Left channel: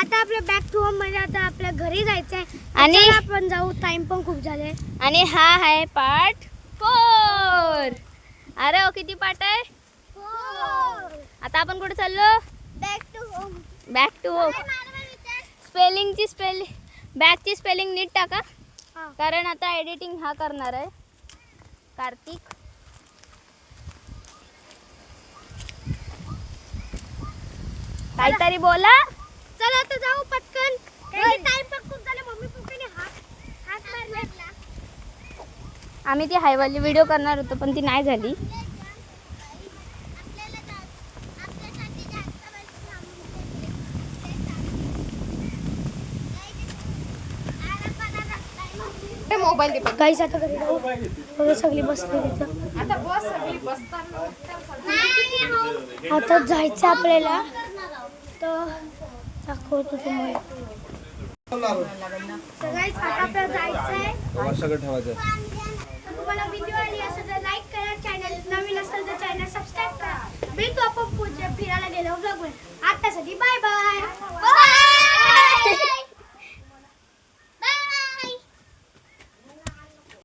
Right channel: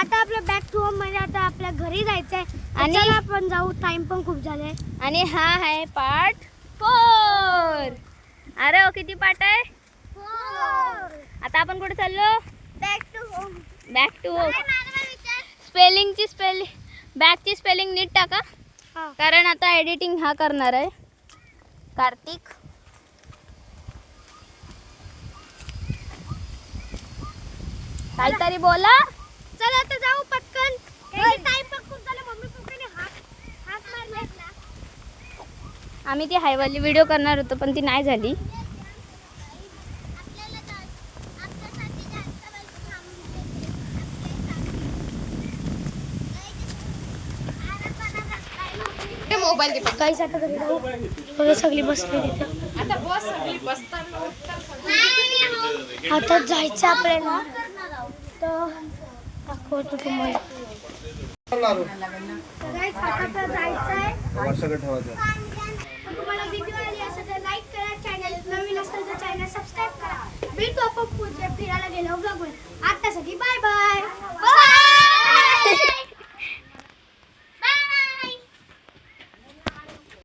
आता आपलं back to home म्हणजे आता आपल्या घरी जायचंय आणि आणि आपण जाऊ. टाइम पण खूप झाले. आणि हा आहे पार्ट 4. अरे किती पार्ट आहे? 4. आता आपण कुठे चाललो? Back to home. Back to home. बॅकची स्पेलिंग नीट टाका, कारण आता एडिटिंग हा करणार आहे कार्तिक. काहीतरी बोला. चला आता जाऊ पटकन. टाइम पण खूप झाला. मम्मी पप्पाने हात मारला. आम्ही ती हायवाली व्हिडिओ करणार होतो पण ती नाही झाली. मोबाईल दे. गाईस आता घरी जाऊ. बघा सगळी बसली तिथं. आता बस सगळी बसतात. आता जायचं आपल्याला. तर दाखवतो तुम्हाला. गाईस आता जायचंय. तुम्हाला व्हिडिओ आली असेल तर लाईक करा. चॅनल नवीन असेल तर चॅनल सबस्क्राईब करा. भेटू आपण पुढच्या फिरायला गेलो ब्लॉग वर. आतासाठी बाय बाय.